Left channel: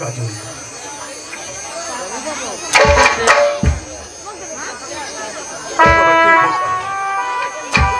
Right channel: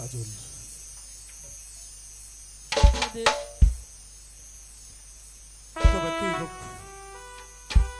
কাজল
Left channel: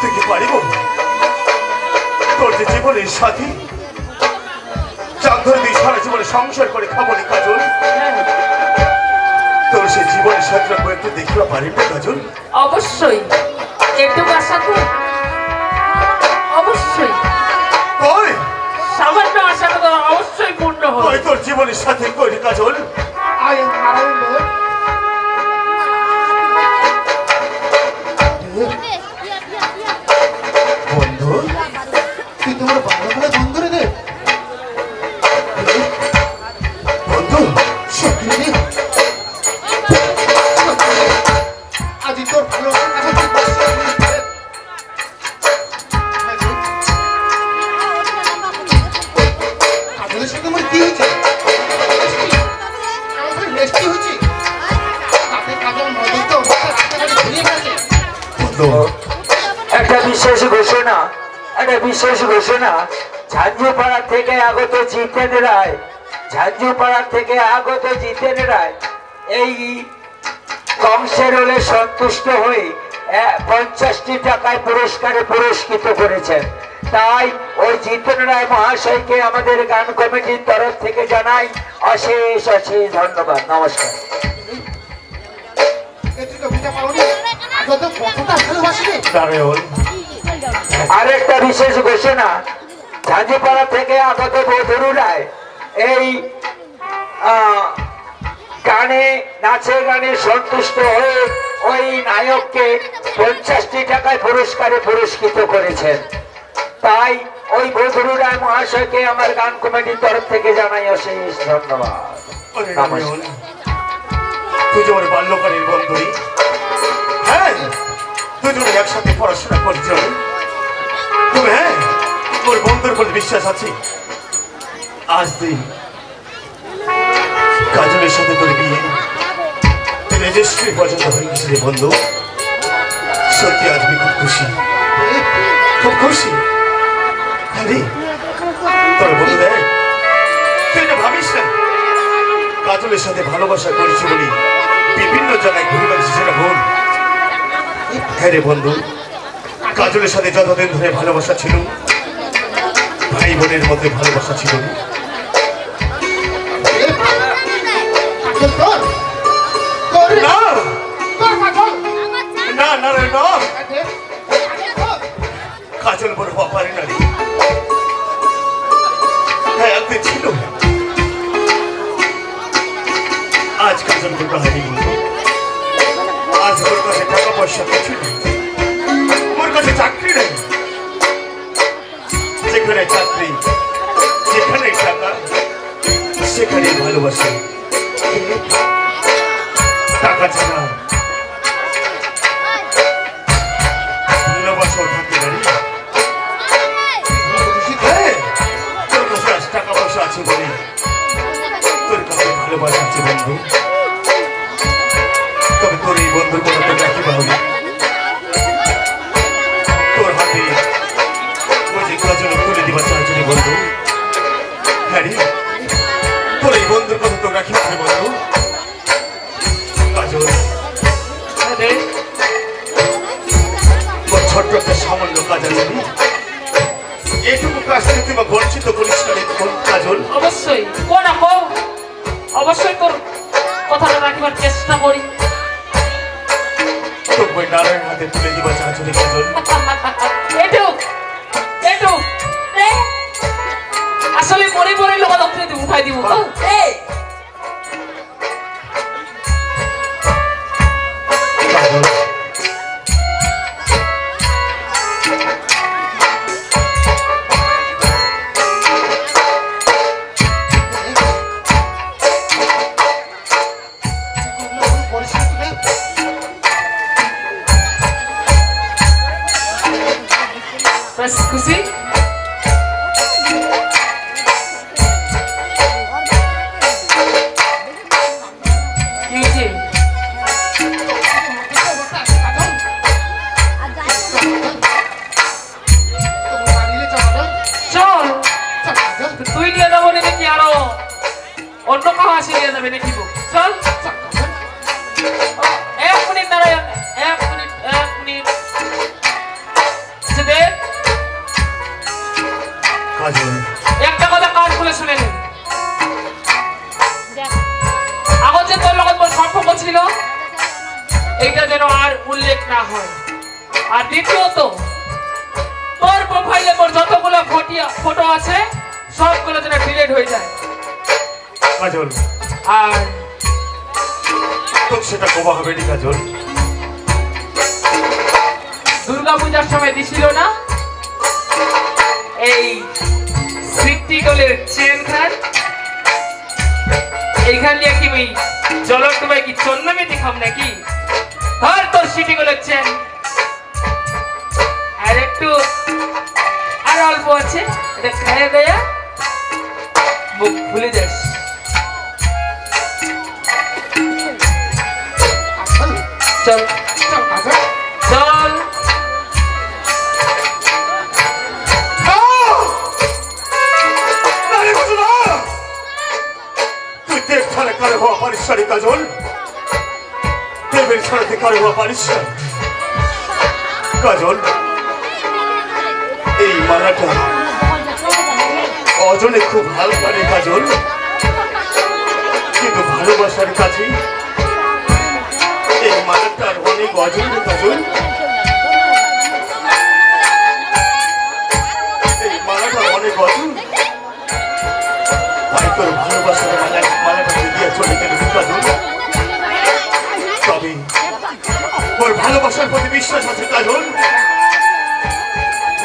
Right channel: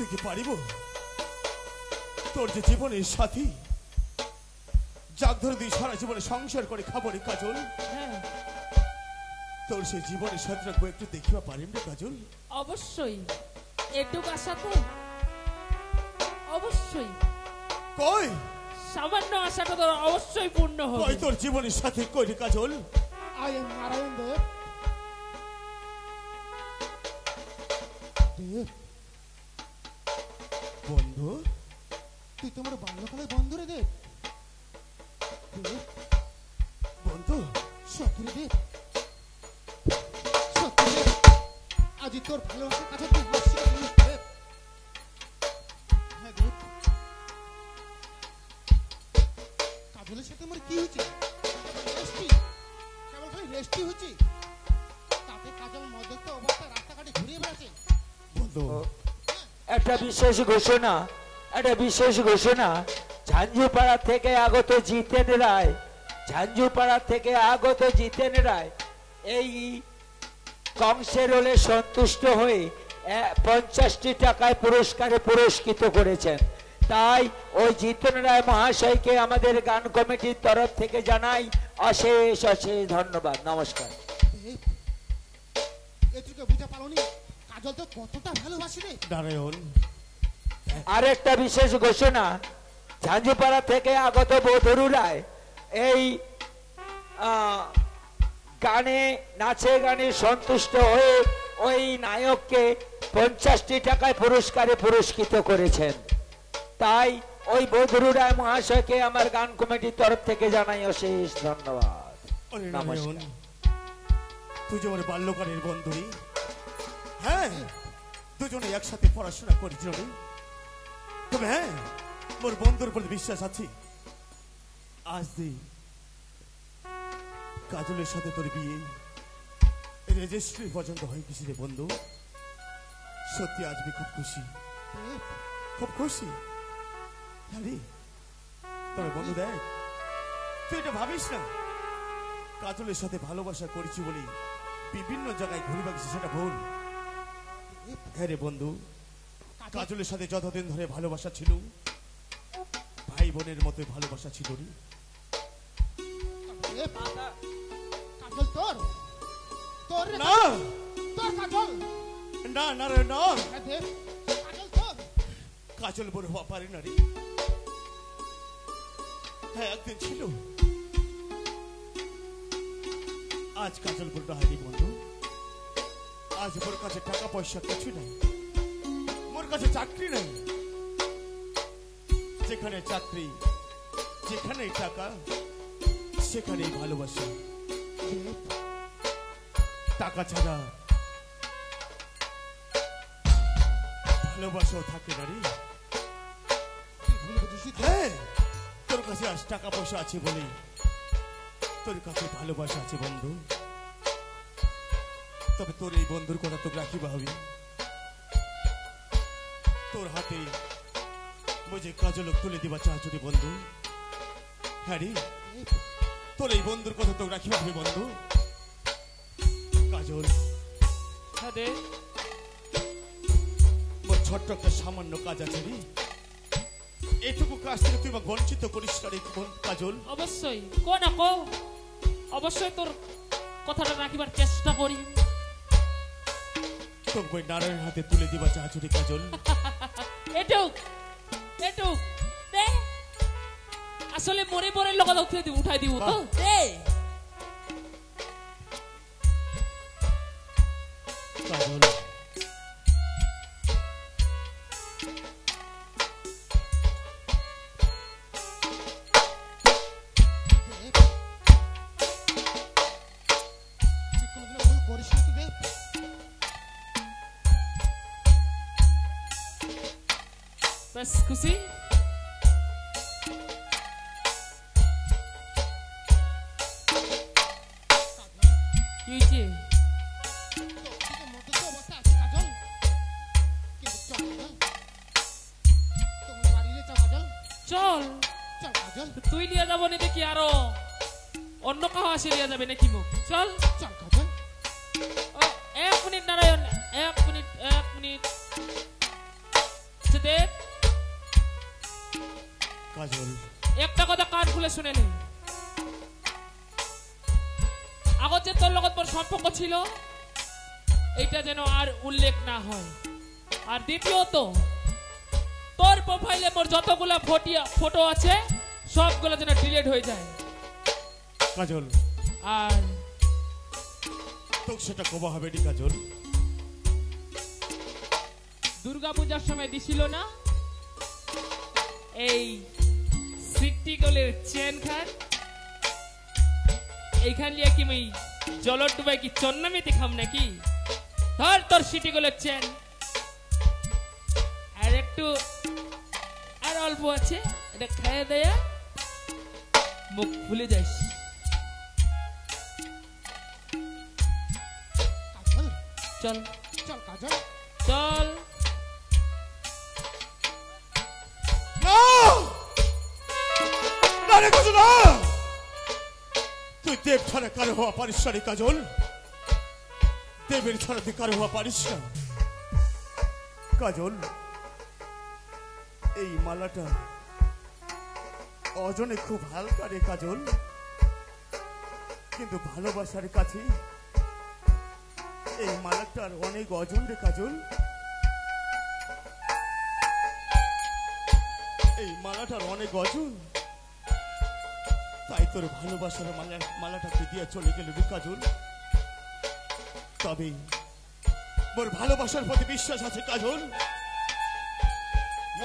তুই কি পারিব তোর যে জীবনের সাথী চাঁদর দিয়ে সারা জীবনে সংসার করে খাবলি কাজল তোর সে জীবনের সাথীরা একটু দেখিবা পারিব না কাজল? অবশ্যই একটু আশা কর, অবশ্যই ওই সামান্য আশা তো অবশ্যই পূর্ণ হবে। ওই তোর জীবনের সাথী কই রে কাজল? বন্ধু তুই তোমার বাংলা বন্ধ করে দে বন্ধু সত্যি রে আজ তোর ভালো কাজলের সাথে আমার কি হয়েছে আমাদের রেস্টি হয়েছে তাতে কাজল মজা রাস্তাঘাটে ঘুরিয়ে বেড়াচ্ছে বন্ধু একটা বিশেষ ঘোষণা, একটা বিশেষ ঘোষণা। ঝাঁঝুপাড়া থেকে আগত জিতেন রায়, ঝাঁঝুপাড়া থেকে আগত জিতেন রায় এই কংসের হলে সন্তুষ্ট হয়ে 50টি টাকায় পুরস্কারে পুরস্কৃত করেছেন। তাই ওই জিতেন রায় মহাশয়কে আমাদের গান কমিটির তরফ থেকে জানাই অশেষ অশেষ ধন্যবাদ। নমস্কার। তুই তো বুঝতে পারোনি আজ তো কতটা ভালোবাসি নারায়ণ আরেকটা বিশেষ ঘোষণা। ঝাঁঝিপাড়া থেকে আগত বধূ রায় এই গানে নাচে গানে সন্তুষ্ট হয়ে ওই নায়ককে 50টি টাকায় পুরস্কারে পুরস্কৃত করেছেন। তাই ওই বধূ রায় মহাশয়কে আমার গান কমিটির তরফ থেকে জানাই অশেষ ধন্যবাদ। ওরে নারায়ণ তুই যে আমার বাল্যকালের বন্ধুই, হ্যাঁ দুজনে একসাথে পড়াশোনা করছ তবে হ্যাঁ তোর বন্ধুর প্রতি বিশ্বাস আছে। আজ তুই কাজলের সাথে তোর বিয়ে রেজিস্ট্রি পর্যন্ত হয়ে গেছে রে বন্ধু। সত্যি আজ আমি খুব খুশি, খুব খুশি। আরে তোর বন্ধু দেখ তুই এটা ভাবিস না কাজলের সাথে ভালোবাসা করেছি বলি বিভিন্ন জায়গায় ঘুরে বেড়াচ্ছি, সেটা ভুল। হ্যাঁ রে বন্ধু, কাজলের সাথে যতদিন ধরে ভালোবাসা ছিল ভাই বোনের মধ্যে ভালোবাসা ছিল। না না না রে না, কাজল বড় বাপারে নারী। হ্যাঁ একদিন ছিল, আজ কাজল বড় হারি বন্ধু। আজ ওর কাছে টাকা পয়সা কিছু নেই, ওর কাছে চাকরি নেই। যেখানে চাকরি যেখানে টাকা সেখানে ভালোবাসা। টাকা ছাড়া ভালোবাসাও থাকতে পারি। হ্যাঁ, তোর কাছে আজ টাকা পয়সা আছে বলে তোর কাছে ভালোবাসা আছে বন্ধু। তবে তোর এই বন্ধুর কথা তো রাখিবা হবে। তোর হাতে ওই যে কাজল তুলে দিবা চারজনে বন্ধু। হ্যাঁ রে, তোর এই বন্ধুর কথা তো রাখিবা হবে বন্ধু। কাজল তোর ছোট্ট একটা সামান্য কাজ আছে, এইটুকু কাজ থেকে তুই বঞ্চিত করিস না কাজল। অবশ্যই কোনা কো, অবশ্যই তোর কথাটা রাখবার চেষ্টা করি। তোর বই নারায়ণ হাতে তুলে দিবা চারজনে কাজল। এটুক এটুক আসলে মরে মরে লোক দক্ষিণে দিব উঠাই দিব তো কাজল বাস খুশি না হয়। আর দ্বিতীয়ত তোর প্রোফাইলে তোর যতগুলো ফটো আছে সবগুলো যেন ডিলিট হয়ে যায়। কাজল, আর তোর সেটা কবা হবে নি কাজল? দুর্গাপূজার সময় দিছিল না এই সিটিগুলোর চেন খান, এইখান দিয়ে কি ওই জলক তোমায় কি চন্দ্রমে দেখাম নাকি? ধর তোর সিটিগুলোর চেন, আর একটু আর অল্প আছে, এটা খাইয়ে দেয়া মুখ খুলে যাস। চল চল কাজল। চল। তুই দেব ছাড়া কারো হওয়া পারিস না রে কাজল, দেবের ছাড়াতে কারো হওয়া পারিস না। কাজল, এই মালাটা অজনে খুব হালকা রে কাজল, কিন্তু ভালোবাসার কাছে এই মালাটার অনেক অজন রে কাজল। এই মালাটা অনেক অজন, তাই তোর ভালোবাসার মালাটা দিয়ে চলে গেল কাজল। তবে ওর ভালোবাসার প্রতি বিশ্বাস আছে কাজল,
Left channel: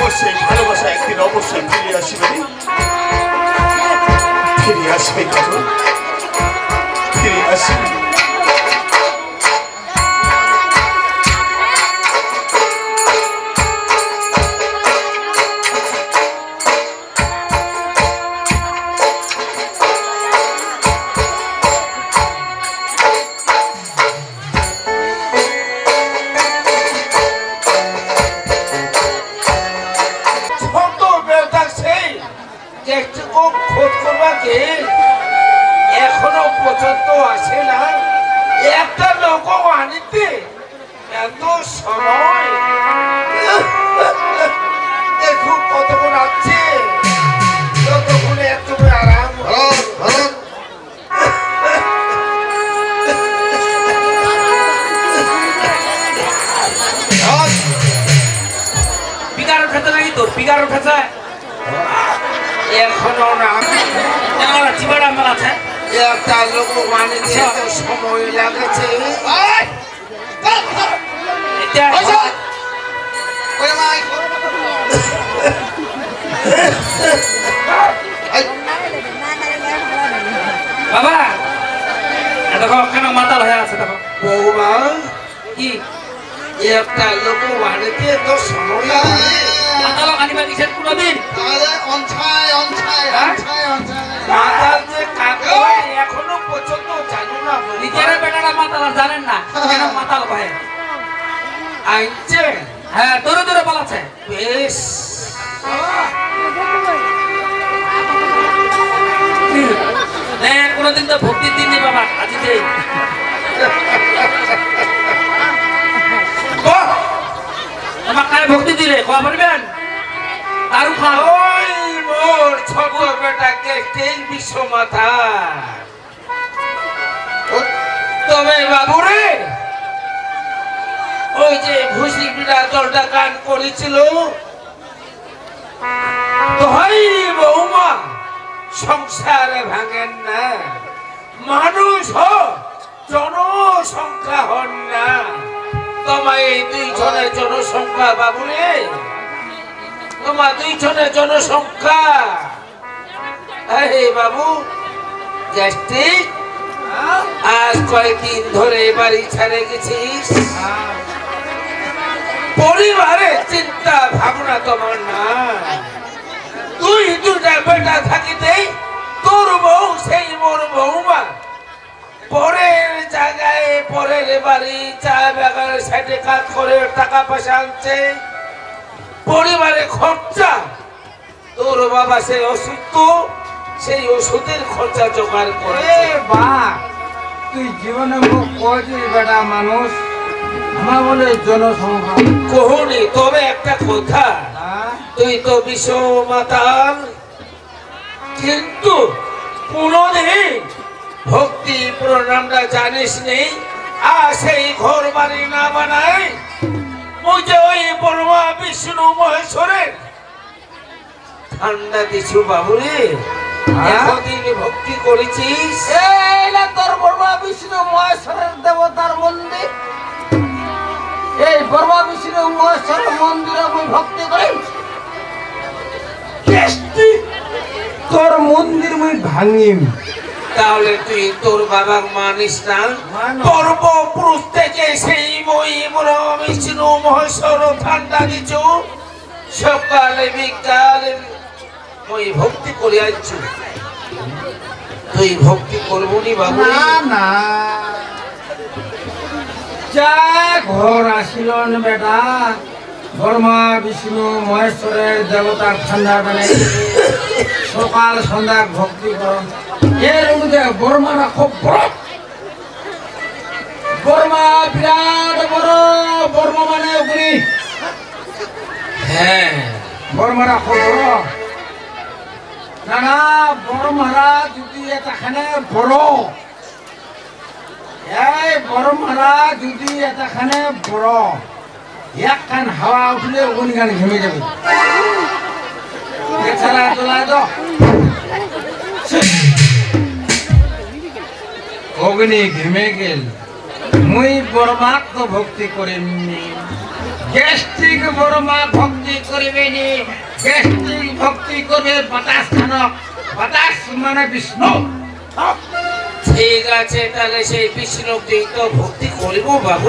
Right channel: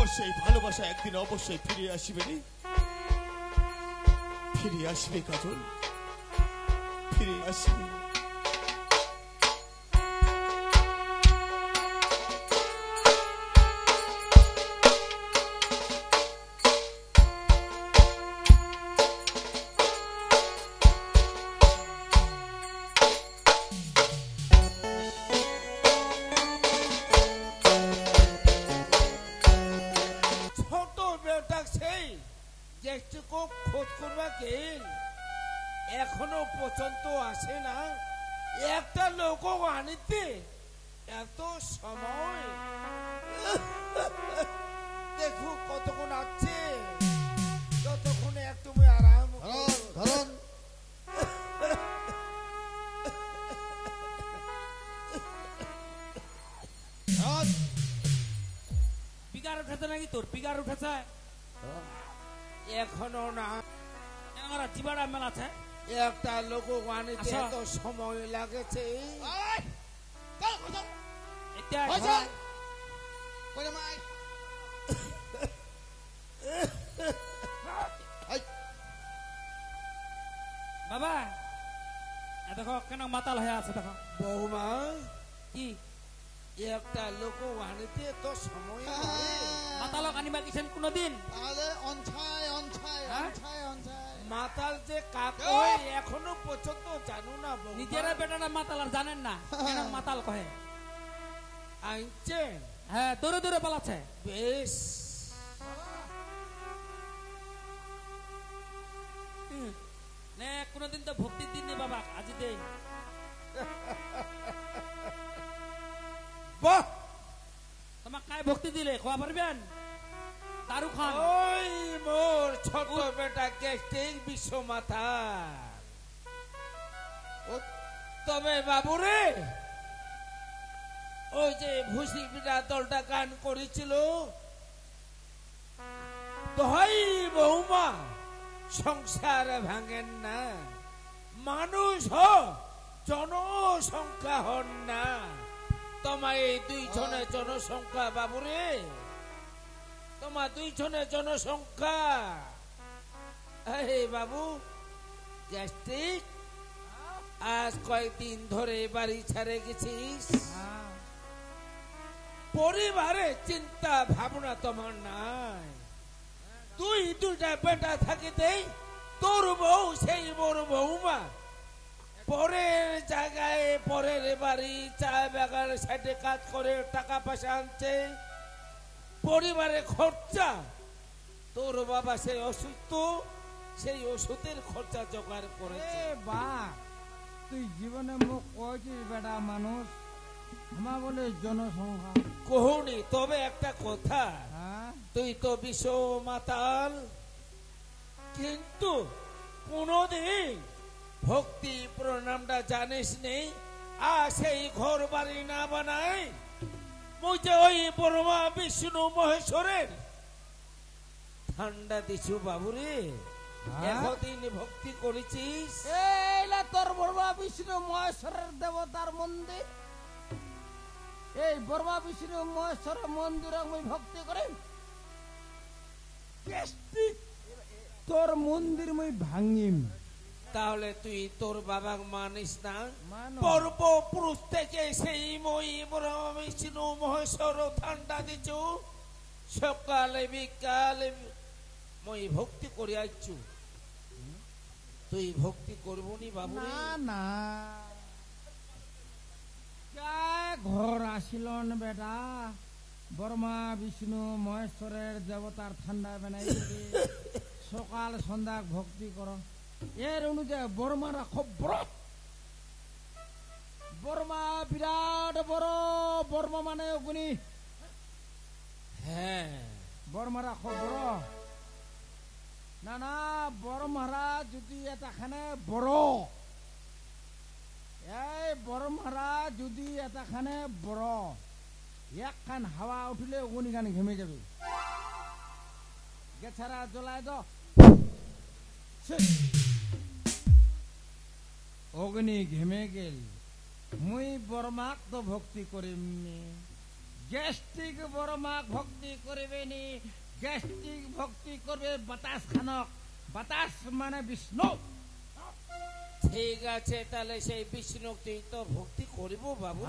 ওর সেই ভালোবাসা একদিন অবশ্যই ফিরে আসবে, ফিরে আসবে কাজল, ফিরে আসবে। ছোটবেলা সেই যেটুকু খোঁজ করবাকে এখনো পর্যন্ত আসে না। একটা লোক আনিতে এত সময়, দেখুন কতক্ষণ আছে, ততক্ষণে একটু আরাম। পিকার খেতে নাকি তোর পিকার খেতে এখনো না, চিবাড়া আমার আছে। একটা লোক আনিতে এত সময় লাগেছে। এটা ওরে মাই বাবা দেখো কেন মাতাল হয়ে আছে দেখো। বৌমা, কি একটা লোক আনিতে এত সময় লাগে? মাতাল আনিবা কিসের কোনোদিন তাহলে অনছায় অনছায় অনছায় অনছায় মাতাল যে কাকে এখনো পর্যন্ত জানো না? নিজের বেটারা মাতাল আর জানেন না কেন মাতাল ভাই আইছে হ্যাঁ দূরে দূরে পালাচ্ছে। বেশ, কোনোদিন তো ভক্তির দিন নেই বাবা আজকে তোমার কায় ভক্তি দিলে খাওয়া পারবেন দারু খাও। ওই মোর ছোট বেটাকে তেল বিশ্ব মাথা। তবে বাবুরে, ওই যে ভুসি বিড়া দলটা গান করেছিল, ভাই বৌমা সংসারে ভাঙেন না, মানুষ জনসংখ্যা হন না। তোমার এই 2 জনের জনসংখ্যা বাবুরে, তোমার 2 জনের জনসংখ্যা। আরে বাবু, গ্যাস্ট্রিক আজ কয়েকদিন ধরে বাড়ি ছেড়ে গেছিস, পরিবারের চিন্তা ভাবনা তোমার না। তুই 2টা বেটা থাকিতে তোর বউ সেই মোর বৌমা পরের জায়গায় পরের বাড়ি চা বাগানের সাইডে কাজ করে টাকা পয়সা আনছে, পরিবারে খরচা। তোর বাবা সেই অসুস্থ, সেই ওষুধের খরচা জোগাড় করে। বা তুই জীবনে খুব কয়টি বেটা মানুষ আমার বলে জনসংখ্যা কোহনি, তবে একটা কথা, হ্যাঁ? তুই তো বিশ্ব মাতাল, কিন্তু কোনদিন ভক্তি প্রণামটা জানিস নেই, আর সেই ঘর বাড়ি না বানায় মুঝে ওই ব্রহ্মা বিষ্ণু মহেশ্বরের ঠান্ডা দিছু বাবুরে। এতদিন ভক্তি করেছিস, এইলা তোর ব্রহ্মা বিষ্ণু মহেশ্বরের দেবতার মন্দির। এই ব্রহ্মা বিষ্ণু মহেশ্বরের মন্দিরে আমি ভক্তি করি। কেষ্টি তোর মন্দির মুই ভাঙিম। তাহলে তুই তোর বাবা মানিস না? পূর্বপুরুষ থেকে সেই মই ব্রহ্মা বিষ্ণু মহেশ্বর ঠান্ডা দিছু, সকালে বিকালে ওই ভক্তি করে আসছু। তুই ভক্তি করবো নি বাবু? না না, যা ঘর আসিল বেটা, ব্রহ্মা বিষ্ণু মহেশ্বরের দেবতার ঠান্ডা বানাই সকাল সন্ধ্যা ভক্তি করন। এর মধ্যে ব্রহ্মারা খুব বড়, ব্রহ্মা বিরাট বড়, ব্রহ্মা মানে অগ্নি। হ্যাঁ, ব্রহ্মারা খুব বড়। না না, ব্রহ্মারা যদি এটাখানে বড়, এই ব্রহ্মারা যদি এটাখানে বড়, এক কান হাওয়া উঠলে অগ্নি গান ঘেমে যাবে। এছাড়া চলায় তো অগ্নি ঘেমে গেল। মুই ব্রহ্মাক তো ভক্তি করিনি, গ্যাস্ট্রিক ব্রহ্মা ভক্তি করিবে নি। গ্যাস্ট্রিক ভক্তি করবে বাতাস খানক, বাতাস মানে বিষ্ণু। ঠিক আছে, তাহলে সেই বিষ্ণু তুই তো ভক্তি করব বাবু।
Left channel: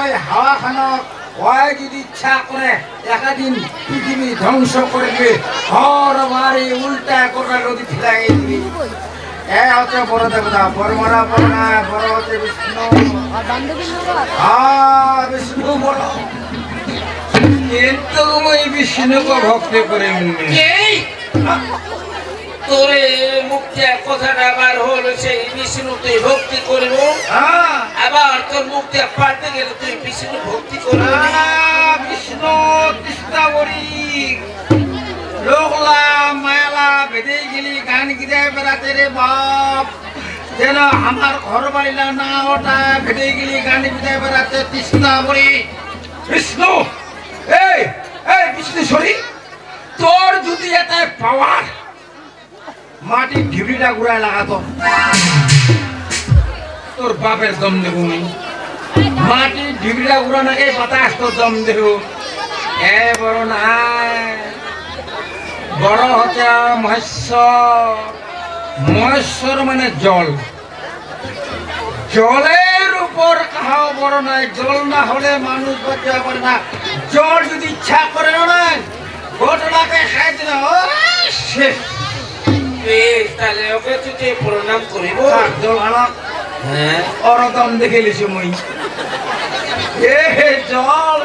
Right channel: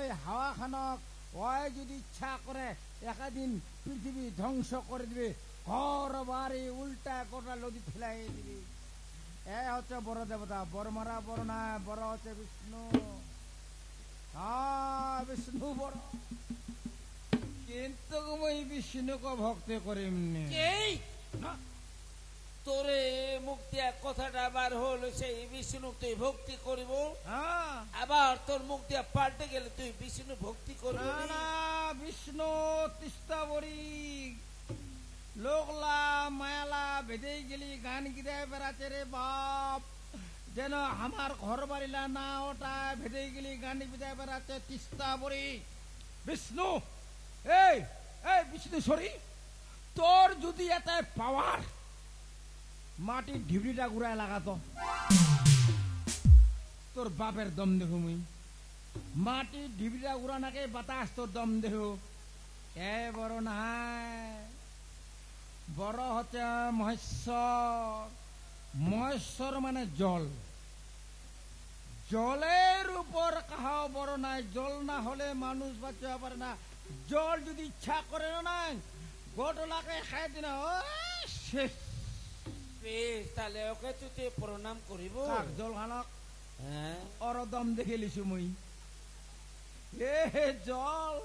ওই হাওয়া খানক ওই যদি ইচ্ছা করে একদিন পৃথিবী ধ্বংস করে দিবে, ঘর বাড়ি উল্টা করে নদী ফেলাই দিবি। এ হচ্ছে বড় দেবতা, ব্রহ্মারা বড় না, বড় হচ্ছে বিষ্ণু। বিষ্ণু বড়, কিন্তু ওই বিষ্ণুকে ভক্তি করে এই তোরে মুখে কথাটা আবার হলো সেই বিষ্ণু তুই ভক্তি করব, আবার তোর মুখ দিয়ে পাল্টে গেলে তুই বিষ্ণু ভক্তি করবি না। বিষ্ণু কৃষ্ণাবরী লোকলা মায়ালা বেঁধে গেলি গান গিরে বেড়াতে রে বাপ, যেন আমার ঘর বাড়িলা না ওটা বেঁধে গেলি গান গিরে বেড়াতে কৃষ্ণাবরী। বিষ্ণু এই এই বিষ্ণুশ্বরী, তোর যদি এটা পাওয়ার মাটি ঢিবড়িটা ঘুরায় লাগাতো, তোর বাপের দম দেব মাটি ঢিবড়িটা ঘুরানোকে বাতাস তোর দম দেব। এ বড় নাই, বড় হচ্ছে মহেশ্বর। মহেশ্বর মানে জল, জলের উপর কাহাও বড় নাই। জল না হলে মানুষ বাঁচতে পারে না। জল যদি ইচ্ছা করে না ঘটনাকে খাই দিল শেষ। বেশ, তাহলে ওকে তুই প্রণাম করিব। জল আনা হ্যাঁ, অরদম দেখে লিছি মুই। এ জল,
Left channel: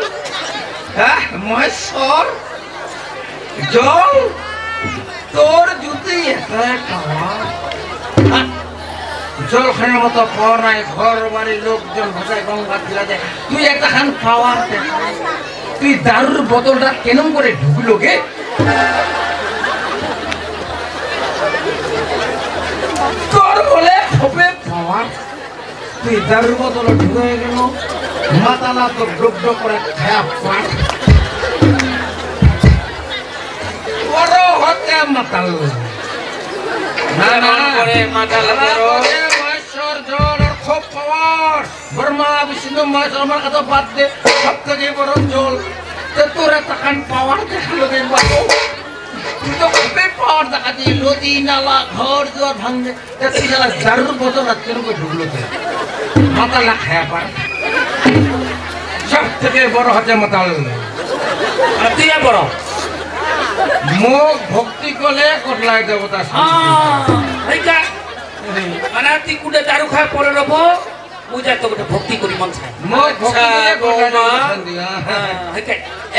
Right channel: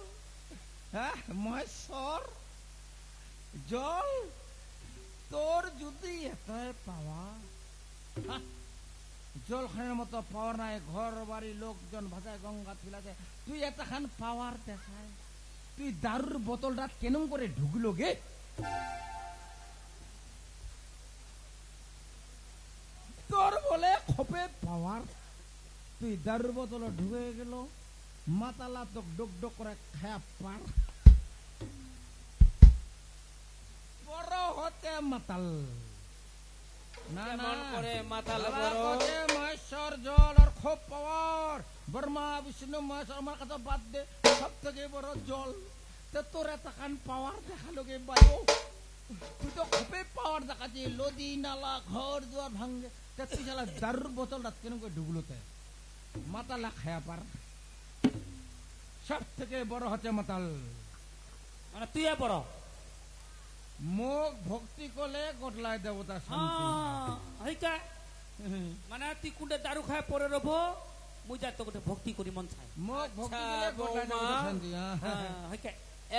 হ্যাঁ মহেশ্বর জল, তোর যদি জল খানের মতো পাওয়ার নাই। ঘর বাড়ির লোকজন ভাষায় গঙ্গা দিলা যায়, তুই একটা খান পাওয়ার দেখা। তুই দারুর বোতলটা কেন করে ঢুকলো গে? তোর বলে হবে পাওয়ার, তুই দারুর বোতল ঢুকে গেল মাতালা তো ডুব করে খায়া পাট বড় হতে মাতাল। না না করে মাথা লাগারো। মহেশ্বর জল আর খুব পাওয়ার। ব্রহ্মা বিষ্ণু মহেশ্বর আমার কথা বাদ দে, সব থেকে বড় জল। তোর তখন পাওয়ার দেখালো গে বাবু, তুই তো খুবই পাওয়ার দেখা দিয়ে নদী নালা ঘর দুয়ার ভাঙবে। তুই যারা দারুর বোতল আর কেন করে ঢুকলো মাতালা খায়া পার। সব থেকে বড় হচ্ছে মাতাল। আর তুই বড় মুখ ভক্তি করলে কটলাই দেবতা মানে তুই কুটে দারু খায় পরে রবো বুঝা তো ভক্তি করি মন চায়। মুখ ভক্তি করলে কটলাই দেবতা বৌমা, শান্তি। হ্যাঁ।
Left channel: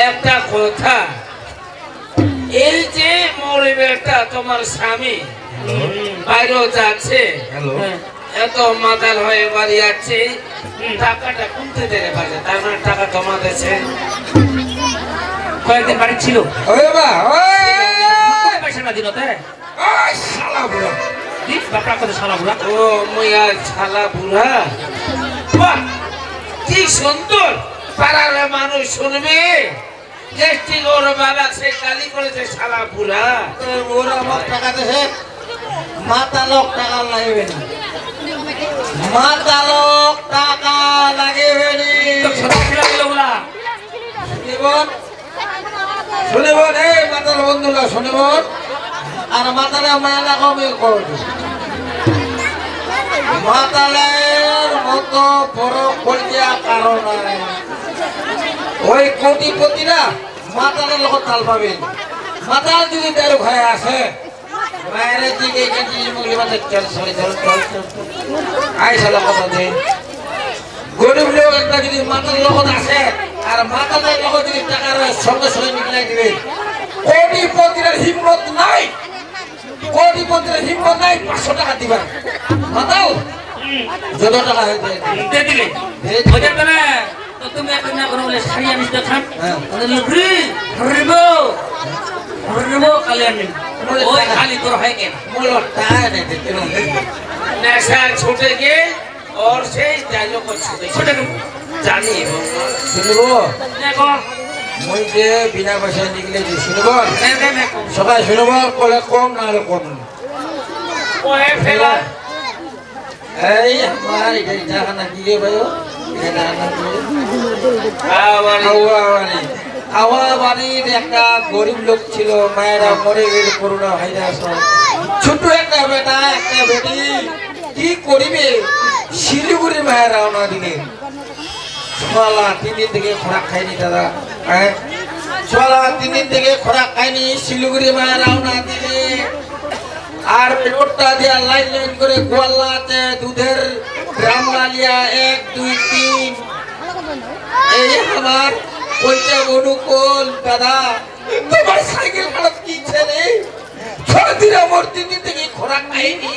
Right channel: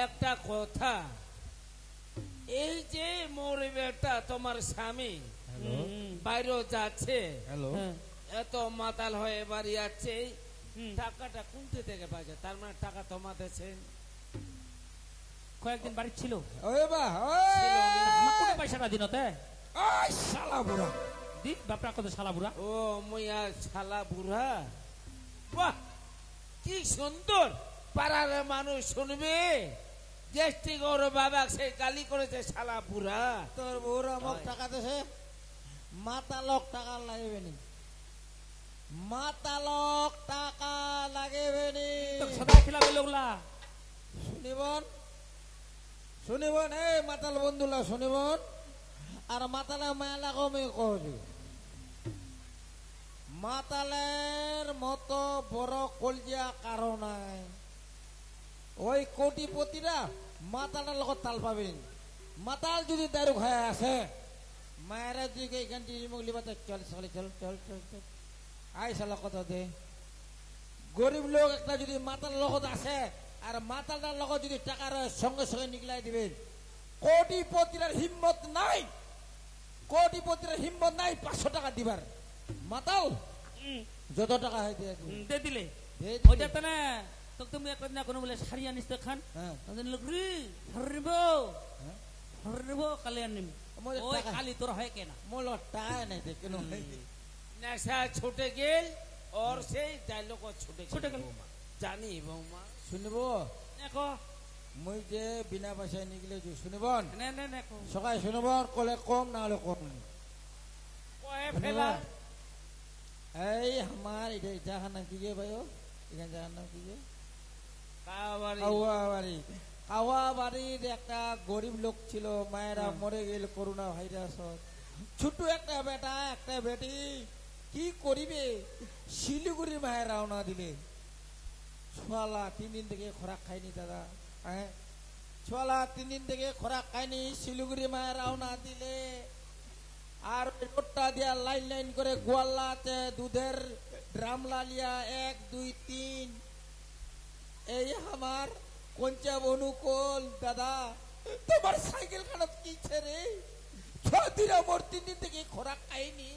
একটা কথা, এই যে মরিবেটা তোমার স্বামী বাইরেও যাচ্ছে, হ্যালো। এত মাতাল হয়ে বাড়ি যাচ্ছে, টাকাটা কমতে দেবে পারে, তার মানে টাকা জমা দিয়েছে। কয়েকদিন বাড়ি ছিল ওই বাবা, ওই পয়সাটা দিল তাই ওই শালা বুড়া। বাপরা কথা শালা বুড়া। ও মুই আর ছালা বুড়া বাহ, কি সুন্দর পাড়ার মানুষ শুনবে যে ঠিক ওর বাবা সে গালি করেছে সারা পুরা। ওর আমার টাকা দেহে মাতালক টাকা লাগবে না, মাতালক টাকা লাগবে না। শুনিবন শুনিবন এই মাতাল বন্ধুরা শুনিবন, আর মাতালে মায়ালা কমে করবে। মাতালের মতো বড় কলিয়া কারণ নাই। ওই কোটিপতিরা মাতালের লগত তাল পাবে। মাতাল যদি তার ভয় আসে বাইরের দিকে চল চল চল চল আইসালা কথা দে। গরিব লোক একটা যদি মাতাল লগত আসে আর মাতালের লগত যদি টাকার সঙ্গে সঙ্গে নিকলাই দিবে, কোটিপতির হিম্মত নাই, কোটিপতির হিম্মত নাই 500 টাকা দিবা। মাতাল যত টাকা হয়েছে দিয়ে দিলে ওইটা তো না, তো তুমি এখন না কোনো বলে শাড়ি আনিস তো খান লুকরি হরিবো কালিয়ানি ওই খালি তোর হয় কেন মূল টাকা নেই দেখতে নেশা ছুটে গিয়ে और से जालो को छुटे জানি শুনব। দেখো মই যে বিনা পয়সায় নিকলে যে শুনব, না সবাই শুনব, কলে কম না হলে কম। ওহে ফেলা এই আমার এটা জানা কি রে ভাই, এটা জানা কি রে? আওয়ারি হাওয়াবাড়ি। হাওয়াবাড়ির একটা গরিব লোক ছিল, মায়েরা মরে গেল করোনা ভাইরাস। ছোট একটা বেটা একটা বেটি কি করিবে, শিলিগুড়ি মায়ের রওনা দিলে। সকালা 3 দিন থেকে খোরাক খাইনি দাদা, হ্যাঁ সকালা 3 দিন থেকে খোরাক খাইনি, শিলিগুড়ি মায়ের রওনা দিলে। আর পেটটা দিয়া লাইন লাইন করে গোয়ালাতে দুধের গ্রাম লালিয়া 1 2 3। এই আমার ওইটা অনুকূল দাদা, তোমার সাইকেল খারাপ কি ছেলে 6 দিন আমার 3 দিন থেকে খোরাক খাইনি।